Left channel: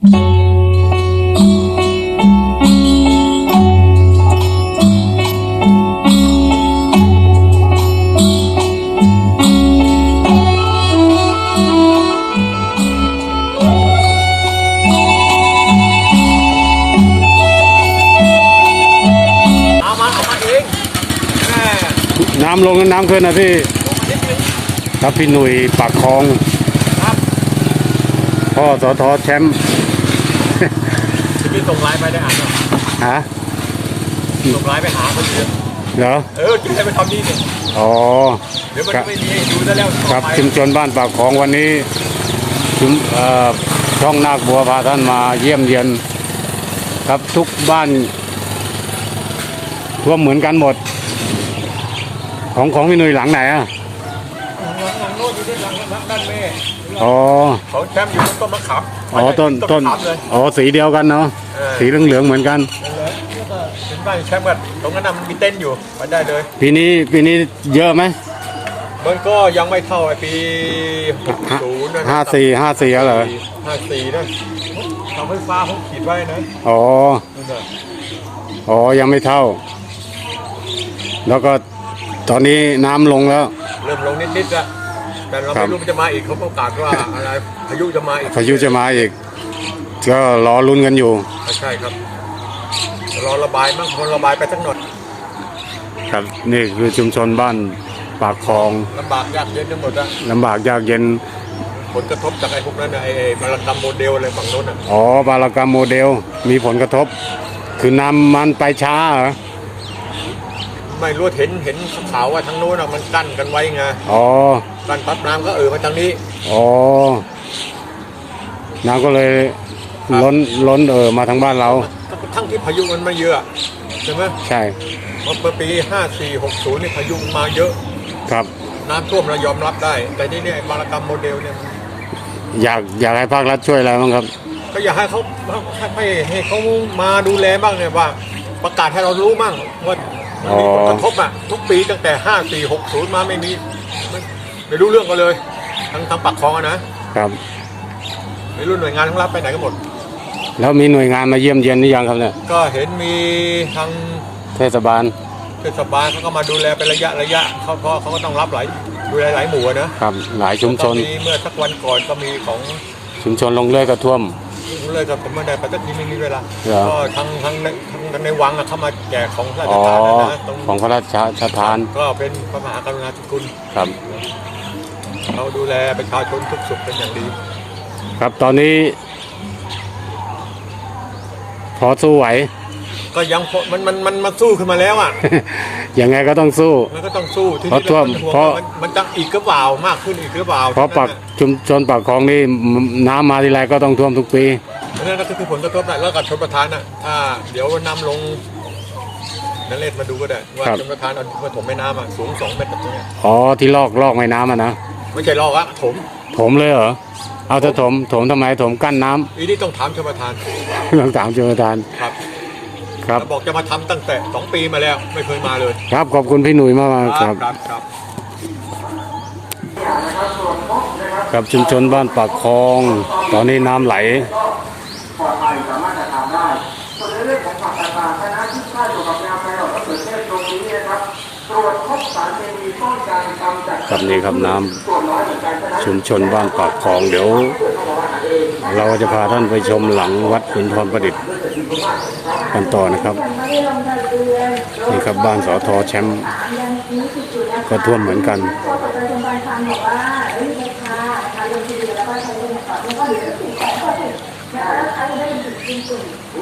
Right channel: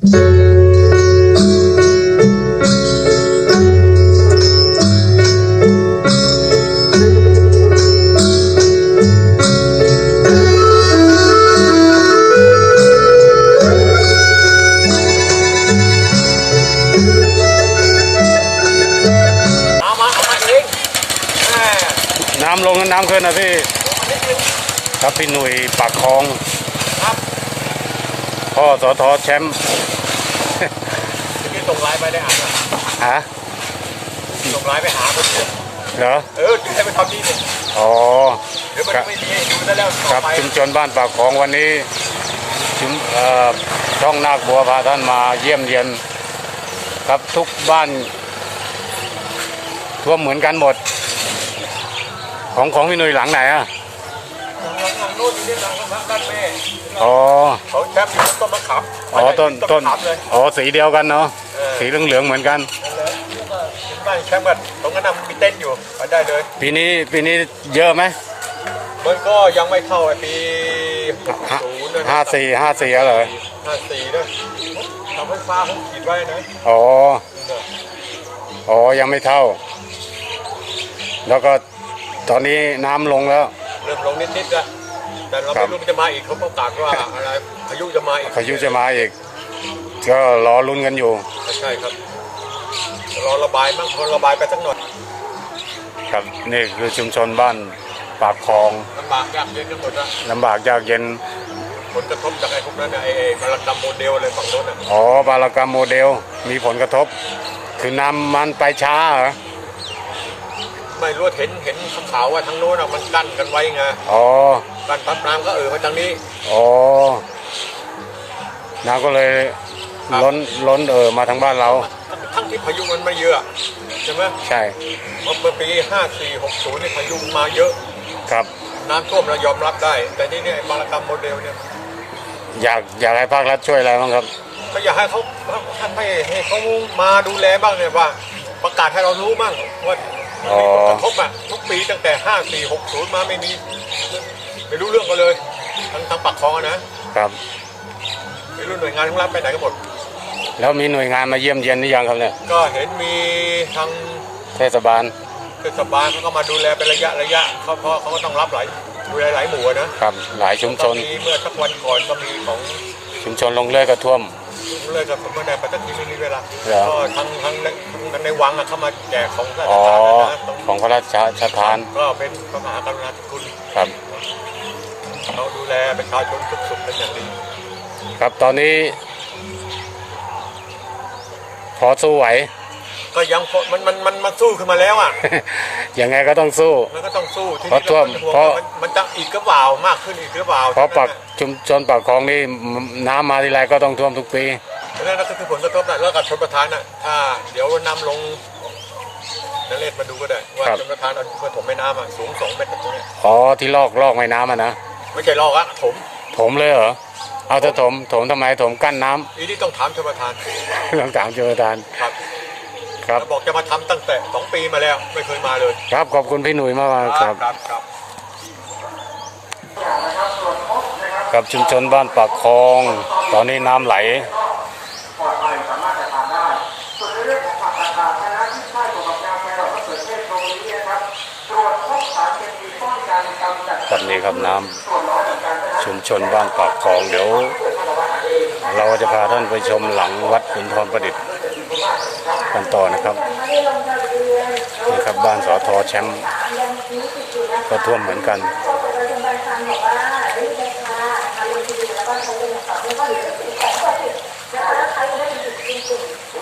เอามาเอามาเองแม่น้ำลงกับน้ำขึ้นนะพี่ ลงมานิดนึงครับพี่หนุ่ยปากคลองครับพ่อสอทอแชมป์จะพี่ ส่งไลน์ไปได้อ่านป่ะฮะส่งไลน์ไปหาคนเดียวเหรอเออจะให้ไปทำนี่เนี่ยอ๋อเดี๋ยวมันครัจะบไม่มีให้ดูซะแล้วต่อครับไปชุมชนบ้านปากคลองวันนี้ชุมเอ่อช่องนาคบัวพาท่านมาเยี่ยมเยียนครับทุกบ้านท่วมเหมือนกันหมด ของของพี่หนุ่ยหลังไหนอะหลังหลังหลังโน้นนี่ด้านหลังหลังด้านแม่อ๋อของแชมป์อยู่บนต้นมะขามอ๋อต้นต้นมะขามเลยอ๋อสีเดียวกันเนาะเออ สีเหลืองๆเหมือนกันนั่นเลยแล้วก็ถึงบ้านแชมป์ก็ตรงนั้นนะมันมีเต้นท์อยู่ไปได้เลย ปีนี้ปีนี้เยอะไหมมันก็ยังไม่เท่าไอ้ปี60นะห้าสี่ห้าสี่เหรอห้าสี่นะเสาไฟฟ้าเขาขีดไว้นะอ๋อนั่นน่ะอ๋อยังไม่เท่า แล้วก็ตอนนี้น้ำลงแล้ว เริ่มลงนิดๆละแต่เราครัไม่บรู้มันจะมาอีกเขาประกาศว่าอะไรพายุจะมาอีกพายุจะมาอีก ก็รอลุ้นกันอยู่ใช่ครับรอระบายมั่งพอระบายไปสักหน่อยครับนี่คือชุมชนบ้านปากคลองลำบากยากเย็นไปหมดอะลำบากยากเย็นผลกระทบจากไอ้พวกนั้นน่ะไอ้ไอ้มารันดำโมเดลอะไรฝั่งโน้นอะอ๋อบารากรรมโมเดลมีผลกระทบ คือนำมันไปช้าเหรอไม่รู้เห็นเห็นขาวๆว่าทางโน้นอะมันกั้นกันไว้ไงอ๋อกั้นปั๊บน้ำก็เออมาทางนี้อ๋อน้ำก็เลย ครับล้นล้นเออมาทางบ้านเรา ทั้งที่พายุมันมาเยอะใช่ไหมใช่เพราะเมื่อปี 5460 นี่พายุมันมาเยอะ ครับ น้ำท่วมเรายอมรับได้ แต่นี่เนี่ยไอ้บารกรรมโมเดลเนี่ยมันอยากอยากให้ภาครัฐช่วยอะไรบ้างครับ ก็อยากให้เขาให้ให้เขามาดูแลบ้างเนี่ยว่า ประกาศให้เรารู้มั่งว่ามันมีผลกระทบอะทุกปีตั้งแต่ 5460 มาไม่มีไม่ไม่รู้เรื่องกันเลยทั้งทั้งปักคลองอะนะครับ ไม่รู้หน่วยงานทั้งรับไปไหนกันหมด แล้วมีหน่วยงานมาเยี่ยมเยียนหรือยังครับเนี่ย ก็เห็นมีทางเทศบาล เทศบาลเขาก็มาดูแลเป็นระยะระยะเขาเพราะเขาก็ต้องรับหลายดูแลหลายหมู่อะนะครับ หลายชุมชนก็มีเมื่อสักวันก่อนก็มีของชุมชนลงเลื่อยก็ท่วม เลยกับผมไม่ได้ไปตักทีไม่มีเวลาเหรอก็ทางทางในทางในวังอะเข้ามาแจกของราชอ๋อทานนะนะตรงของพระราชทานก็เป็นพระมหากรุณาธิคุณครับ เขาดูแลประชาชนทุกสุขเป็นอย่างดี ครับตอนนี้ พอสู้ไหว ก็ยังพอมันมันมันมันสู้ขึ้นมาแล้วอะ ยังไงก็ต้องสู้ มันก็ต้องสู้ที่เพราะนี่ท่วมเราเป็นห่วงเพราะ ว่ามันมันจะอีกหรือเปล่ามากขึ้นอีกหรือเปล่าเพราะปากชุมชนปากคลองนี่น้ำมาทีไรก็ต้องท่วมทุกปี นั่นก็คือผลกระทบนะแล้วกับชนประทานน่ะถ้าเดี๋ยวนำลงนั่นเลศมาดูก็ได้ว่าครับ ชนประทานเอาเมื่อถมแม่น้ำอะสูงสองเมตรแบบตรงเนี้ยอ๋อที่ลอกลอกแม่น้ำอะนะไม่ใช่ลอกอะถม ถมเลยเหรอ เอาจะถมถมทำไมถมกั้นน้ำอีนี่ต้องถามชนประทานต้องถามชมประธานครับครับ แล้วบอกจะมาทำตั้งแต่สองปีมาแล้ว ไม่เคยมาเลยครับขอบคุณพี่หนุ่ยมากๆครับ ครับครับ กับชุมชนบ้านปากคลอง ตอนนี้น้ำไหล ครับนี่ครับน้ำ ชุมชนบ้านปากคลองเดี๋ยว เราจะพาท่านไปชมหลังวัดขุนทรประดิษฐ์กันต่อนะครับนี่ครับบ้านสอทอแชมป์ก็ท่วมเหมือนกัน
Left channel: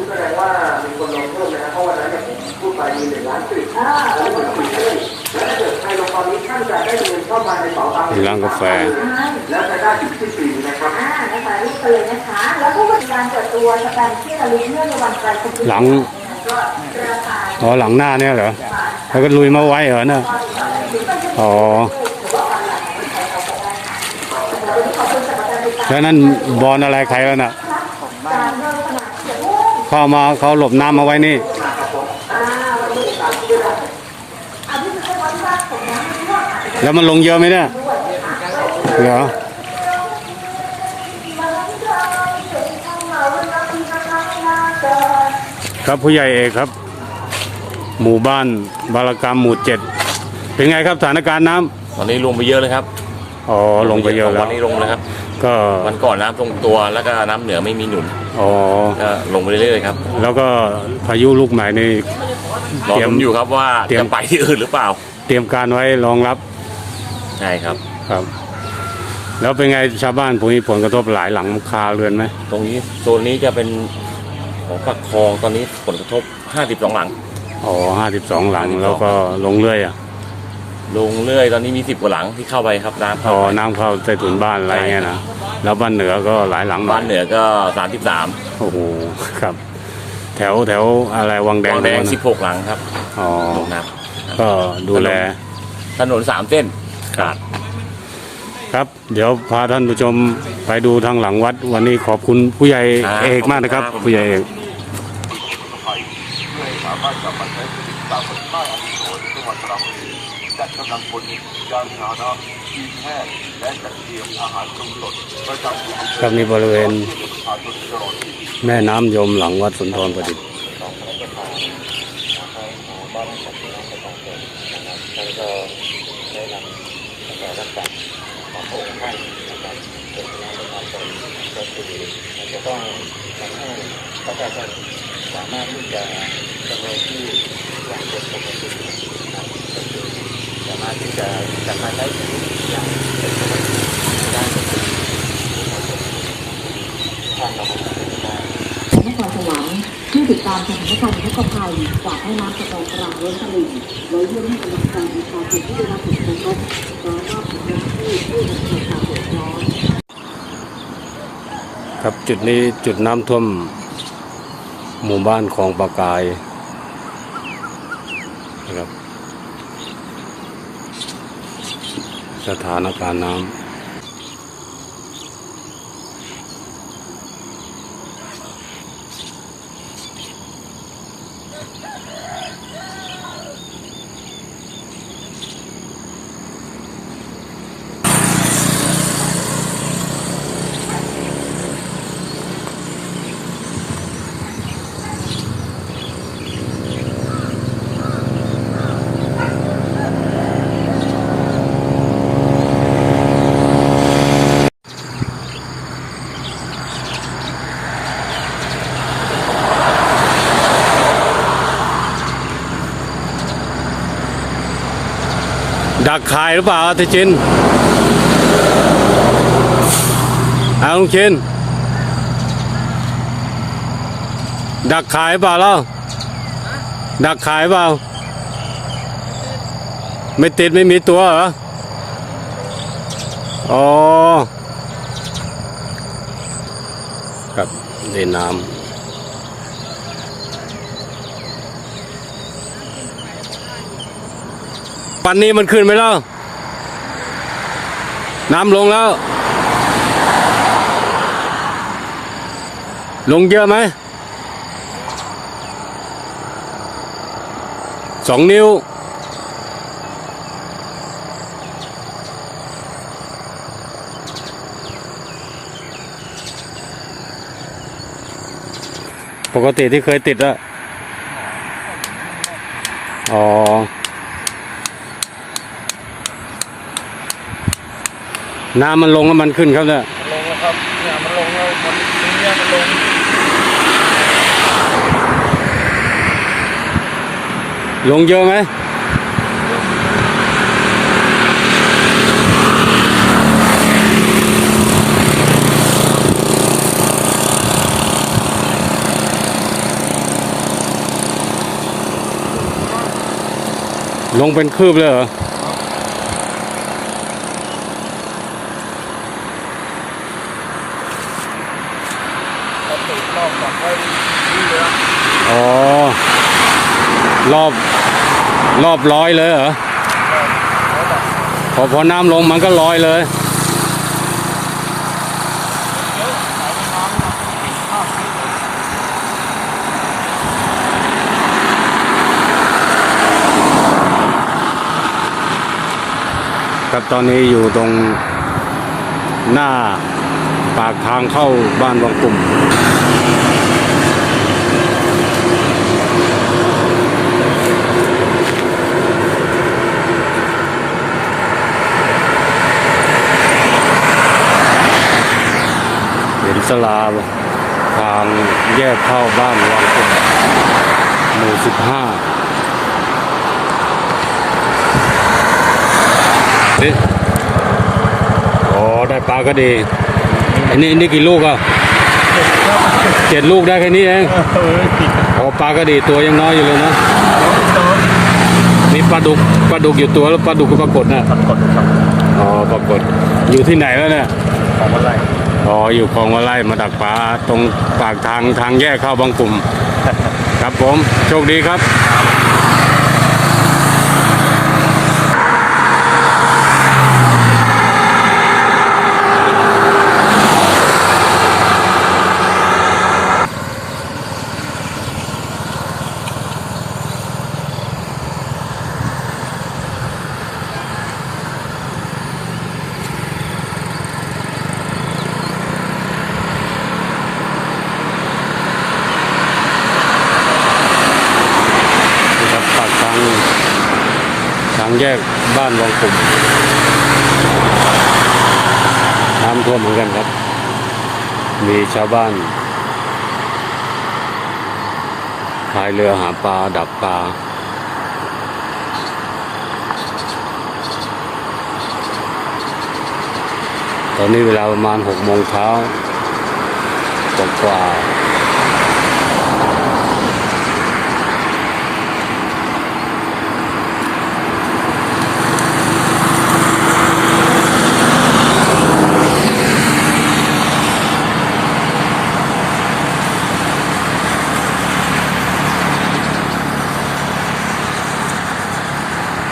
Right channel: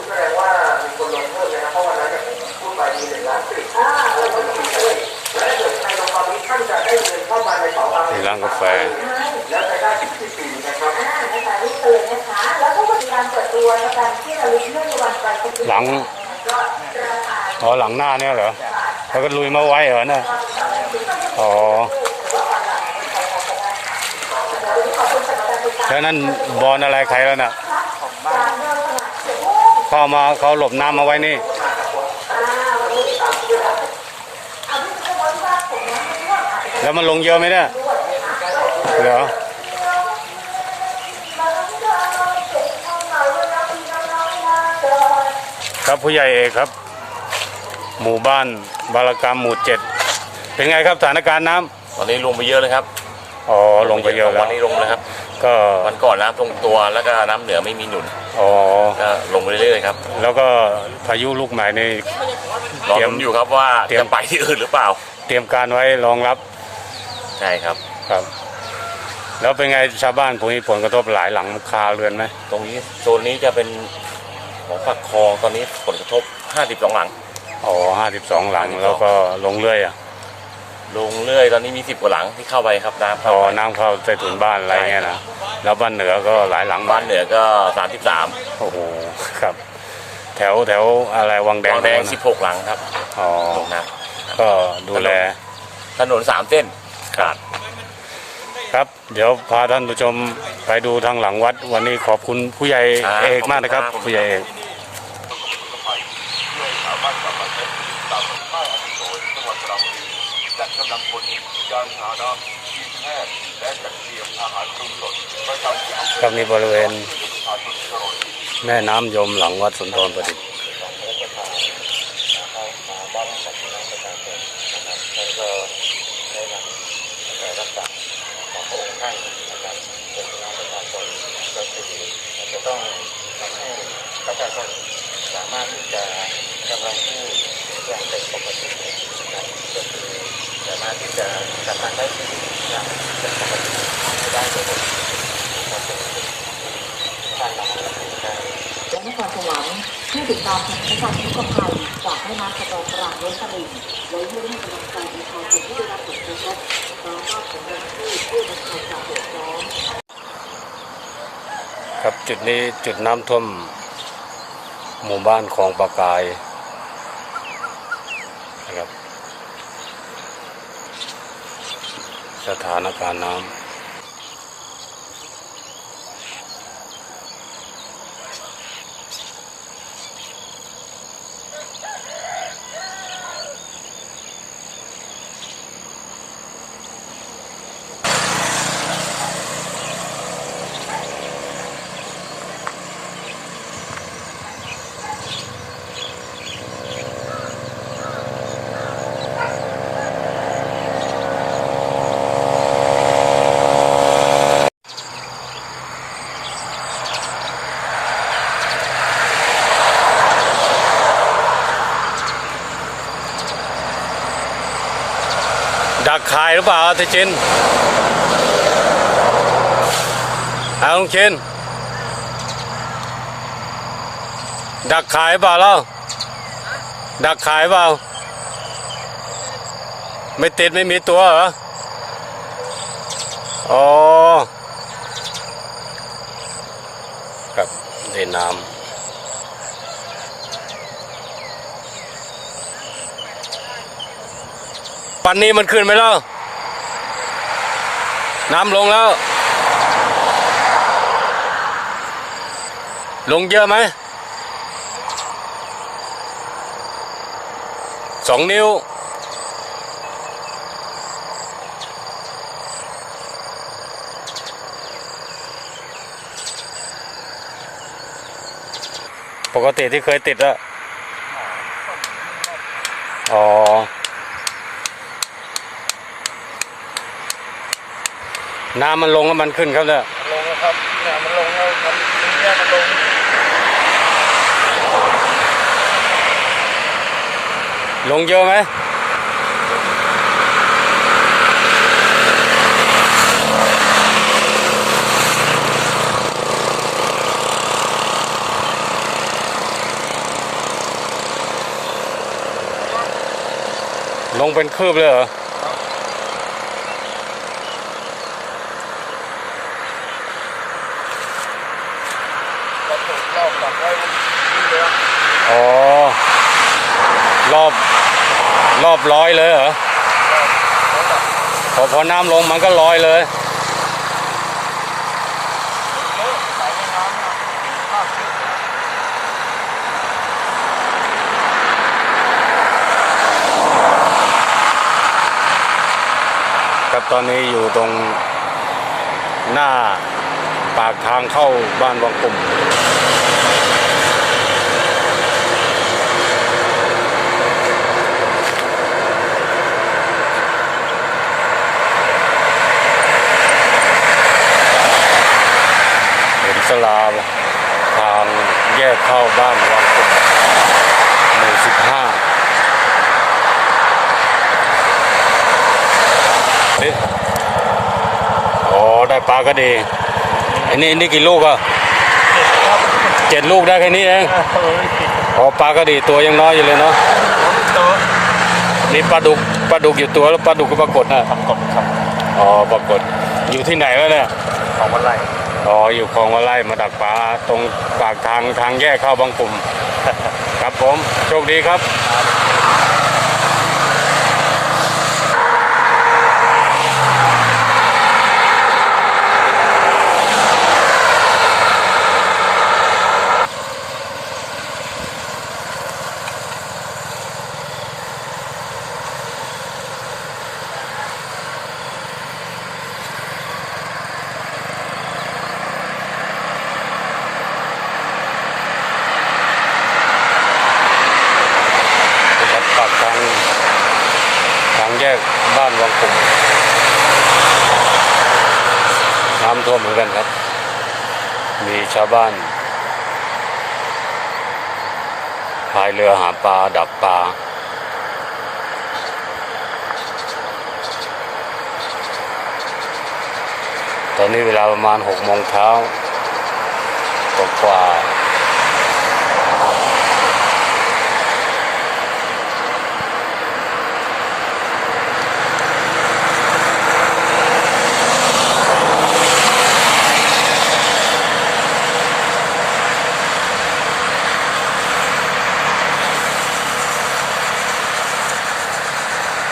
แสดงว่ามีคนลงเพิ่มนะครับเพราะวันนั้นเนี่ยผมพูดไปมีหนึ่งล้านสิบแล้วคนติ ดด้วยและถ้าเกิดใครลงความนี้ท่านจะได้เงินเข้ามาในเป๋าตังค์มีร้านกาแฟและจะได้ถึงที่ปีนะครับอ่านะคะรีบเตือนนะคะ แล้วก็วันการเปิดตัวสแตมป์ที่ระลึกเนื่องในวันไตรคุณหลังอ๋อหลังหน้าเนี่ยเหรอแล้วก็ลุยมาไว้เหรอเนี่ยอ๋อแล้วนั่นบอลอะไรใครแล้วน่ะเข้ามาเขาหลบน้ำมาไว้นี่ แล้วมันลงเยอะไหมเนี่ยเหรอครับผู้ใหญ่เอกครับ หมู่บ้านบารกรรมหมู่เจ็ดเป็นไงครับสถานการณ์น้ำตอนนี้ลงไปเยอะเลยครับอ๋อลงไปเยอะแล้ววันนี้ลงเลยครับ ก็วันก่อนน้ำตรงตัวแล้วก็น้ำเหนือไม่มีหนุนอ๋อก็ลงไปเรื่อยๆครับแล้วก็พายุลูกใหม่นี่รอเตรียมลุ้นอยู่ครับว่าเตรียม จะไปที่อื่นหรือเปล่า เตรียมการไว้รองรับ ใช่ครับ ครับ แล้วเป็นไงชาวบ้านพวกนี้ผลกระทบหลายหลังคาเรือนไหมตรงนี้โซนนี้จะเป็นของปักคลองตอนนี้ผลกระทบ 52 หลัง อ๋อห้าสิบสองหลัง แล้วก็ลงเรื่อยอะลงเรื่อยตอนนี้มี 10 กว่าหลังที่เข้าไปครับน้ำอ๋เข้าอไปน้ำเข้าใต้ถุนบ้านอะไรเงี้ยนะแล้วบ้านเหนือก็หลายหลังบ้านเหนือก็ 33โอ้โหครับ แถวแถวอะไรวังแดงวังแดง ตรนั้น16 หลังครับอ๋อลงน้ก็ดูแลำถนน 3 เส้น ขาดครับ เดี๋ยวพาท่านผู้ชมไปดูทางหลังวัด วันนี้ขอบคุณผู้ใหญ่เอกมากนะครับ ผู้ใหญ่เอกครับนี่บริเวณแม่น้ำยมหลังวัดสุนทรประดิษฐ์ แต่รับจากของพระองค์ท่านนะครับเป็นน้องประชาชนก็คือจะต้องทำให้ประชาชนสามารถที่จะดำรงชีพอย่างเป็นปกตินะครับก็คือสามารถที่จะทำงานได้นะครสวรรค์ ที่ติดตามสถานการณ์ทุกภัยจากแม่น้ำสะกอนกลางล้นตลิ่งไว้เพื่อให้กำลังใจประชาชนที่ได้รับผลกระทบพร้อมมอบผลกระทบเพื่อบรรเทาความเดือดร้อนครับจุดนี้จุดน้ำท่วมหมู่บ้านของปากายนะครับ สถานการณ์น้ำ ดักขายหรือเปล่าทิจินเอาลุงชินดักขายเปล่าเล่าดักขายเปล่า ไม่ติดไม่มีตัวเหรอ อ๋อ ครับเดินน้ำ ปันนี้มันขึ้นไหมแล้ว น้ำลงแล้ว ลงเยอะไหม สองนิ้ว ปกติที่เคยติดอะอ๋อ น้ำมันลงแล้วมันขึ้นครับเนี่ยมันลงแล้วครับเนี่ยมันลงแล้วมันตรงเนี้ยมันลงลงเยอะไหมลงเป็นคืบเลยเหรอ รอบตูดรอบดักไว้ มันนี่เลยอะอ๋อ รอบ รอบร้อยเลยเหรอแล้วดักพอพอน้ำลงมันก็ลอยเลยเยอะสายแม่น้ำนะข้ามคุกเลยนะครับตอนนี้อยู่ตรงหน้าปากทางเข้าบ้านวังกลุ่ม อิสลาทางแยกเข้าบ้านวังกลมหมู่สิบห้านี่อ๋อ ได้ปลาก็ดี อันนี้อันนี้กี่ลูกอะเจ็ดลูกได้แค่นี้เองอ๋อปลาก็ดีตัวยังน้อยอยู่เลยเนาะต่อมีปลาดุกปลาดุกอยู่ตัวแล้วปลาดุกก็ปรากฏนะปรากฏครับ อ๋อปรากฏอยู่ที่ไหนวะเนี่ย ของวันไร รออยู่คลองวะไล่มาดักปลาตรงปากทางทางแยกเข้าบางกลุ่ม ครับผม โชคดีครับ ปากทางทางแยกบ้านวังกลุ่มน้ำท่วมเหมือนกันครับ มีชาวบ้านพายเรือหาปลาดักปลาตอนนี้เวลาประมาณหกโมงเช้ากกว่า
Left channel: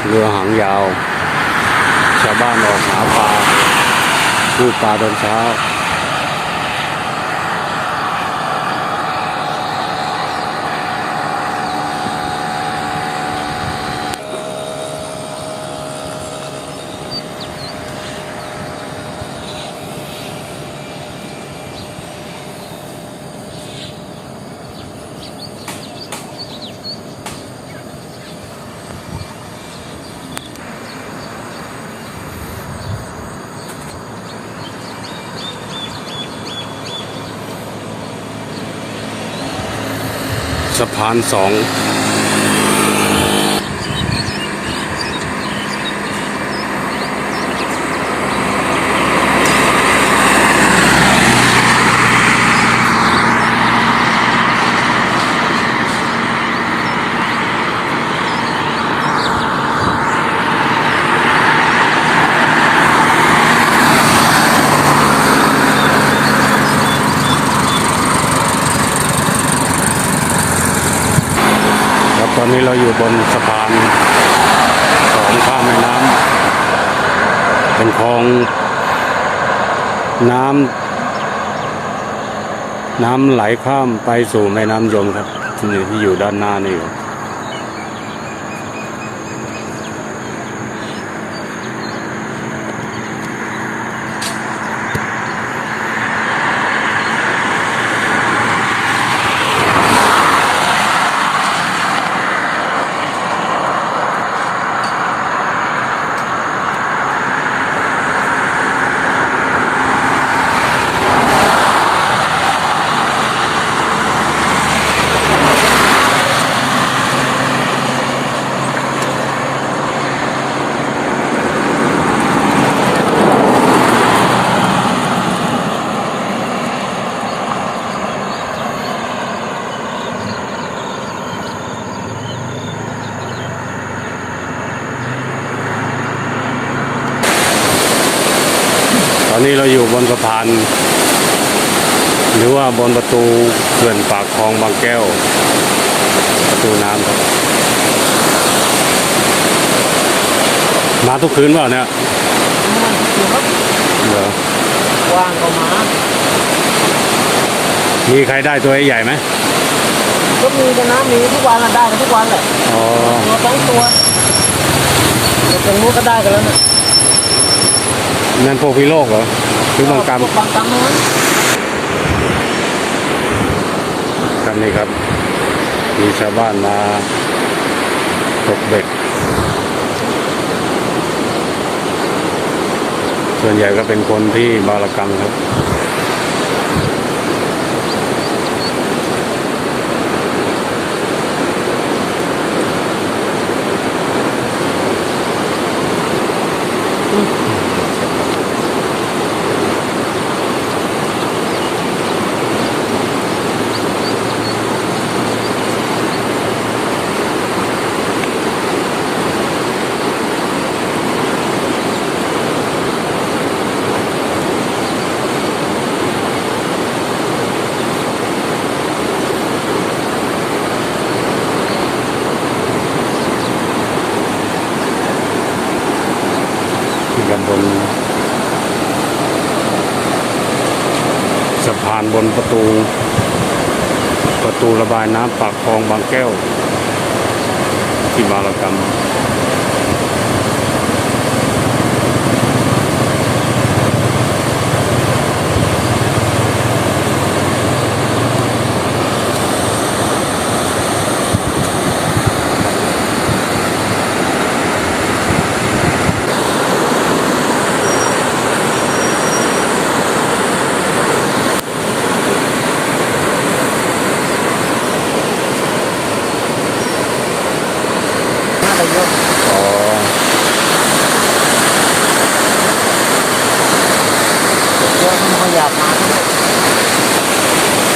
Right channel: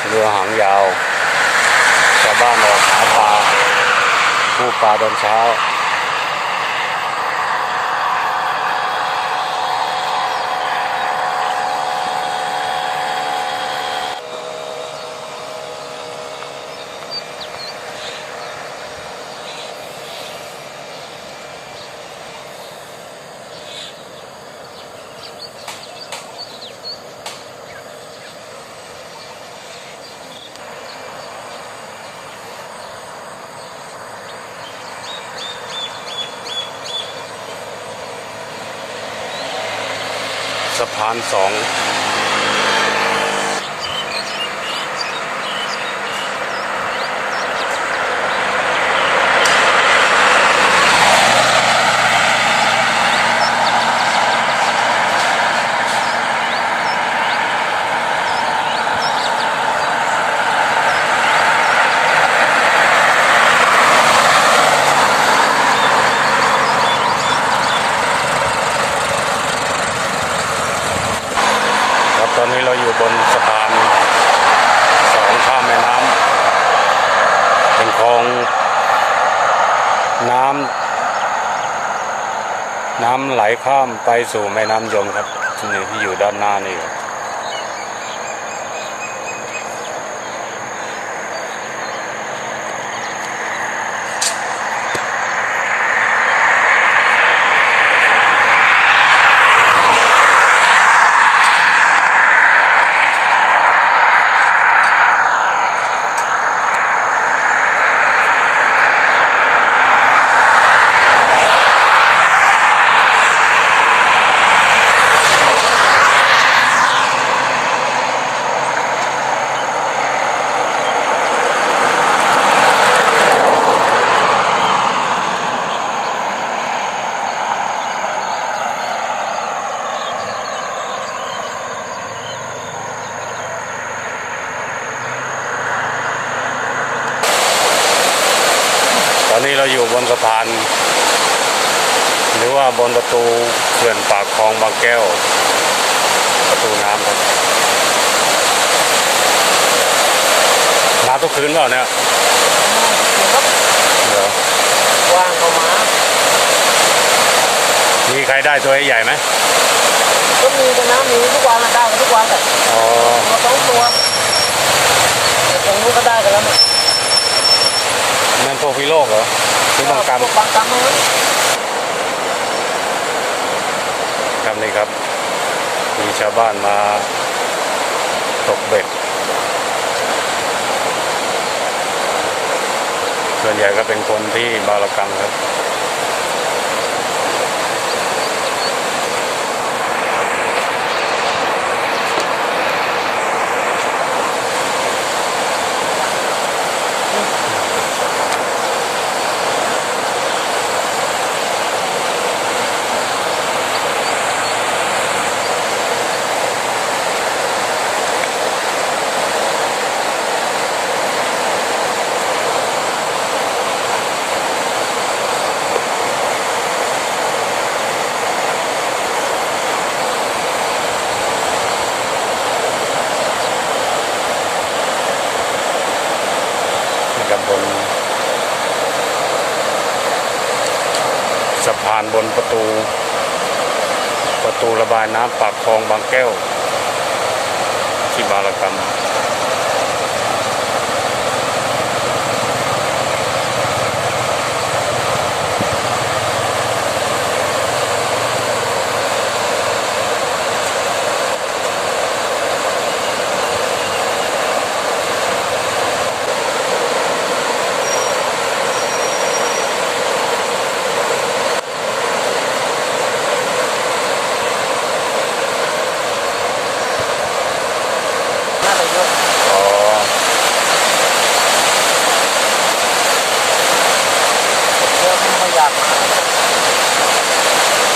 เรือหางยาว ชาวบ้านออกหาปลา ผู้ปลาตอนเช้า สะพานสองครับตอนนี้เราอยู่ บนสะพานสองข้ามแม่น้ำเป็นคลองน้ำน้ำไหลข้ามไปสู่แม่น้ำยมครับที่นี่ที่อยู่ด้านหน้านี่ครับ อนนี้เราอยู่บนสะพาน หรือว่าบนประตูเขื่อนปากคลองบางแก้ว ประตูน้ำครับมาทุกคืนเปล่าเนี่ยครับเหรอว่างก็มามีใครได้ตัวใหญ่ไหมก็มีกันนะมีทุกวันอะได้กันทุกวันแหละอ๋อตัวสองตัวแต่ตรงนู้นก็ได้กันแล้วนะ นั่นพวกพิโลกเหรอคือบางกรรมพวบางกรรมทั้งนั้นครับนี่ครับ มีชาวบ้านมาตกเบ็ด ส่วนใหญ่ก็เป็นคนที่บารกรรมครับ พานบนประตู ประตูระบายน้ำปากคลองบางแก้ว ที่บารกรรม อ๋อ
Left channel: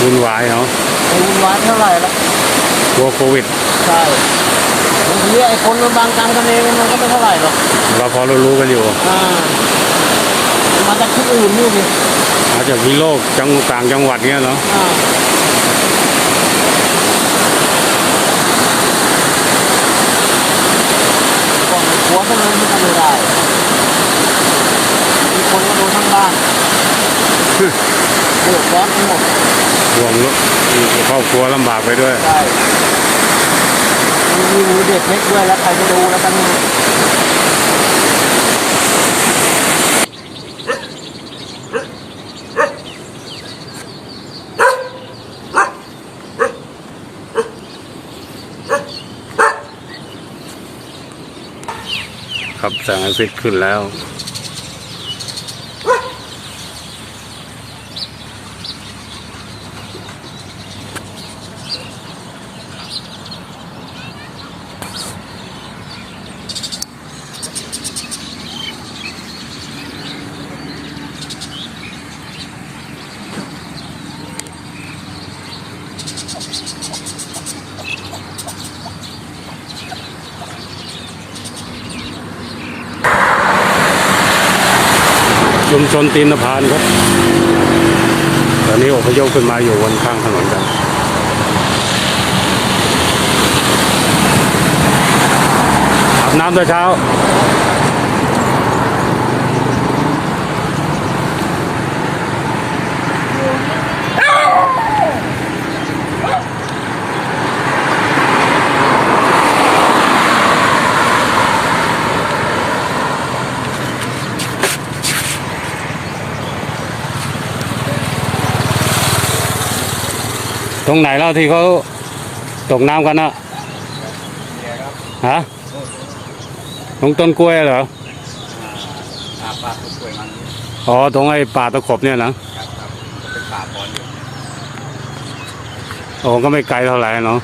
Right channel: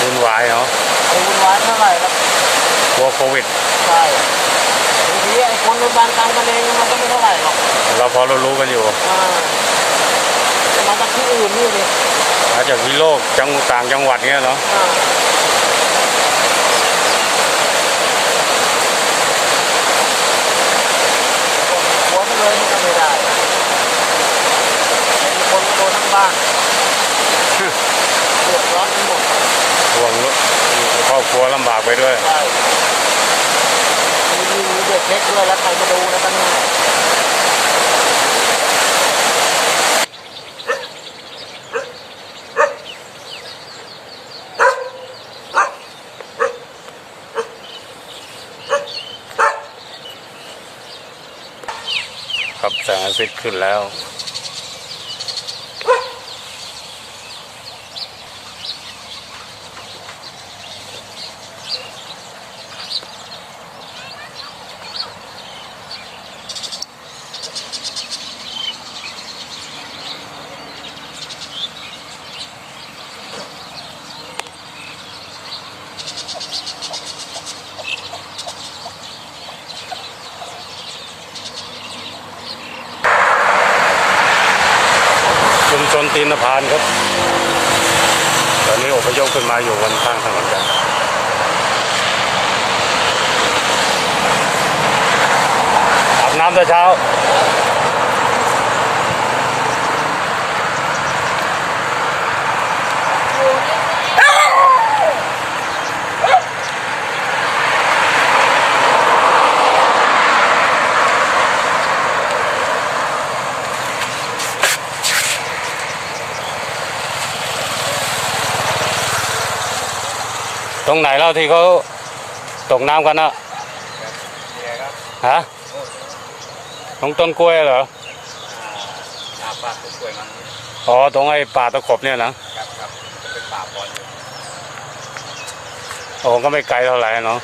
วุ่นวายเนาะ เป็นร้านเท่าไหร่แล้ว กลัวโควิด ใช่บางทีไอ้คนมันบางกลางทะเลเนี่ยมันก็ไม่เท่าไหร่หรอกเราพอเรารู้กันอยู่ อ่ามันจากที่อื่นนี่ดิอาจจะวิโลกจังหวัดต่างจังหวัดเนี้ยเนาะอ่าหัวก็เลยมันก็ไม่ได้มีคนก็เดินทั้งบ้านเดือดร้อนทั้งหมดห่วงลูกครอบครัวลำบากไปด้วย ใช่ มีเด็กเล็กด้วยแล้วใครจะดูแล้วกันครับแสงอาทิตย์ขึ้นแล้ว ชนตีนพานครับ ตอนนี้อพยพขึ้นมาอยู่บนข้างถนนกันอาบน้ำแต่เช้า รงไหนเล่าที่เขาตกน้ำกันนะฮะตรงต้นกล้วยเหรออ๋อตรงไอ้ป่าตะขบเนี่ยนะโอ้ก็ไม่ไกลเท่าไหร่เนาะ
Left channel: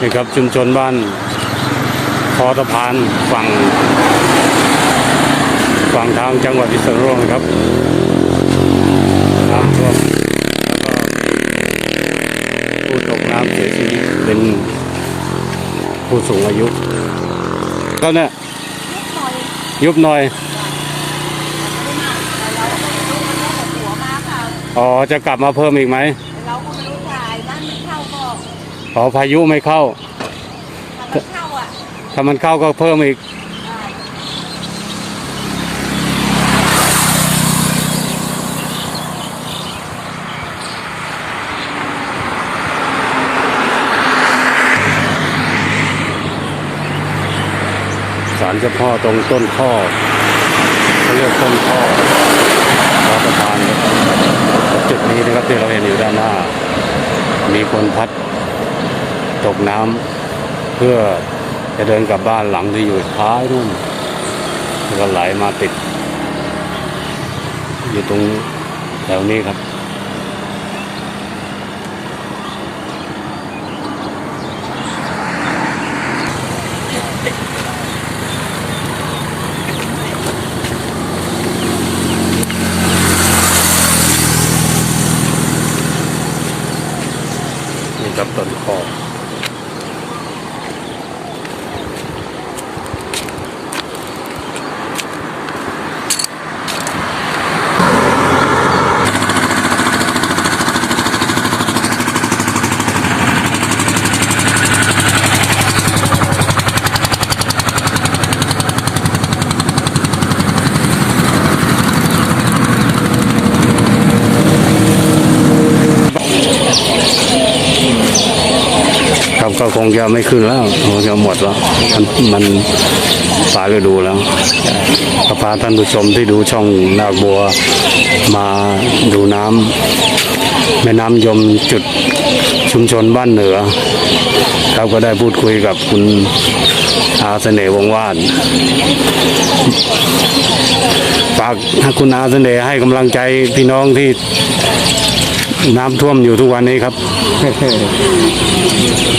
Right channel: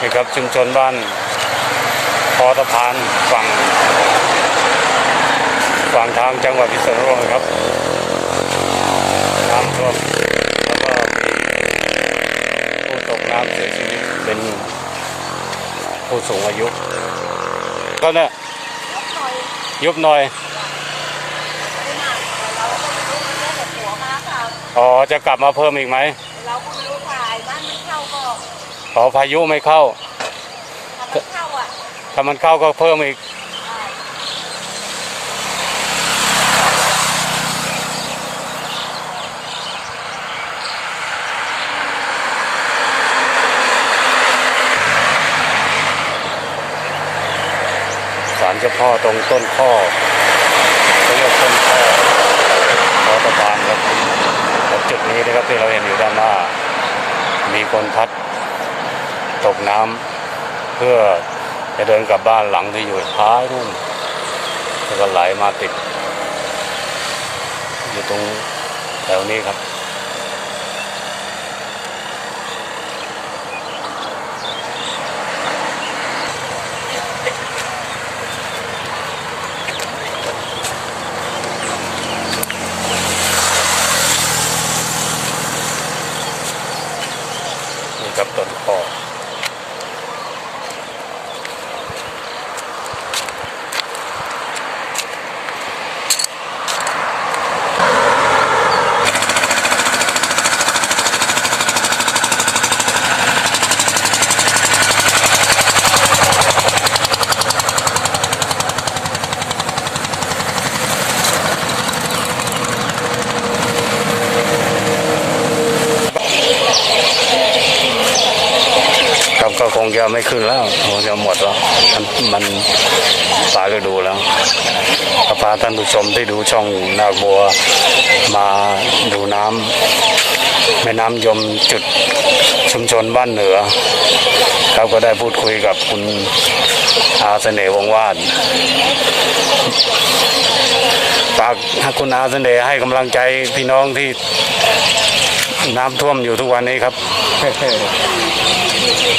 นี่ครับชุมชนบ้านคอสะพานฝั่งฝั่งทางจังหวัดพิษณุโลกครับ น้ำท่วมแล้วก็มีผู้ตกน้ำเสียชีวิตเป็นผู้สูงอายุก็เนี่ยยุบหน่อยยุบหน่อยมันไม่ได้มากแต่เราก็ไม่รู้มันเรื่องของหัวมาเปล่าอ๋อจะกลับมาเพิ่มอีกไหมแต่เราก็ไม่รู้ถ่ายบ้านมันเข้าก็อ๋อพายุไม่เข้าถ้ามันเข้าอะถ้ามันเข้าก็เพิ่มอีก สารเจ้าพ่อตรงต้นข้อเขาเรียกต้นข้อคอสะพานครับจุดนี้นะครับที่เราเห็นอยู่ด้านหน้า มีคนพัดตกน้ำเพื่อจะเดินกลับบ้านหลังที่อยู่ท้ายนู่นแล้วก็ไหลมาติด อยู่ตรงแถวนี้ครับ นี่ครับต้นคอ งจะไม่ขึ้นแล้วคงจะหมดแล้ว มันมันปลายฤดูแล้วก็พาท่านผู้ชมที่ดูช่องนาคบัวมาดูน้ำแม่น้ำยมจุดชุมชนบ้านเหนือครับก็ได้พูดคุยกับคุณอาเสน่ห์วงวาดฝากคุณอาเสน่ห์ให้กำลังใจพี่น้องที่น้ำท่วมอยู่ทุกวันนี้ครับ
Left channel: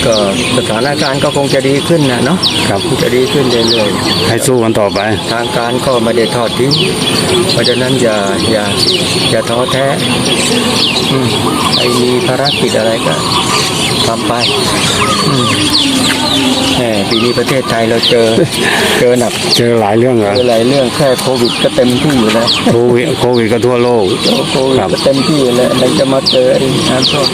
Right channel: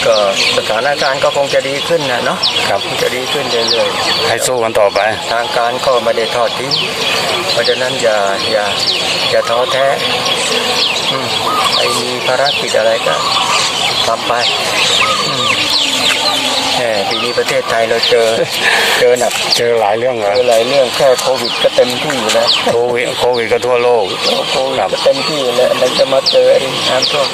ก็สถานการณ์ก็คงจะดีขึ้นนะเนาะครับคงจะดีขึ้นเรื่อยให้สู้กันต่อไป ๆทางการก็ไม่ได้ทอดทิ้งเพราะฉะนั้นอย่าอย่าอย่าท้อแท้อืมใครมีภารกิจอะไรก็ทำไปอืมแหม ปีนี้ประเทศไทยเราเจอเจอหนักเจอหลายเรื่องเหรอเจอหลายเรื่องแค่โควิดก็เต็มที่อยู่แล้วโควิดโควิดก็ทั่วโลกโควิดครับก็เต็มที่อยู่แล้วอะไรจะมาเจอไอ้น้ำท่วม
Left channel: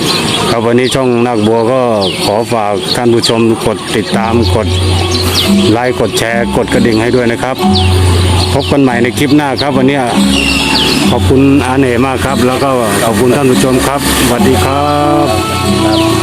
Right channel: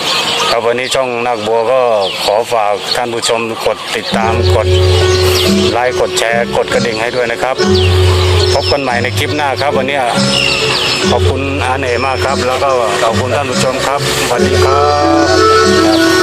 ครับวันนี้ช่องนักบัวก็ขอฝากท่านผู้ชมกดติดตามกดไลค์กดแชร์กดกระดิ่งให้ด้วยนะครับ พบกันใหม่ในคลิปหน้าครับ วันนี้ขอบคุณอาเน่มากครับ แล้วก็ขอบคุณท่านผู้ชมครับสวัสดีครับ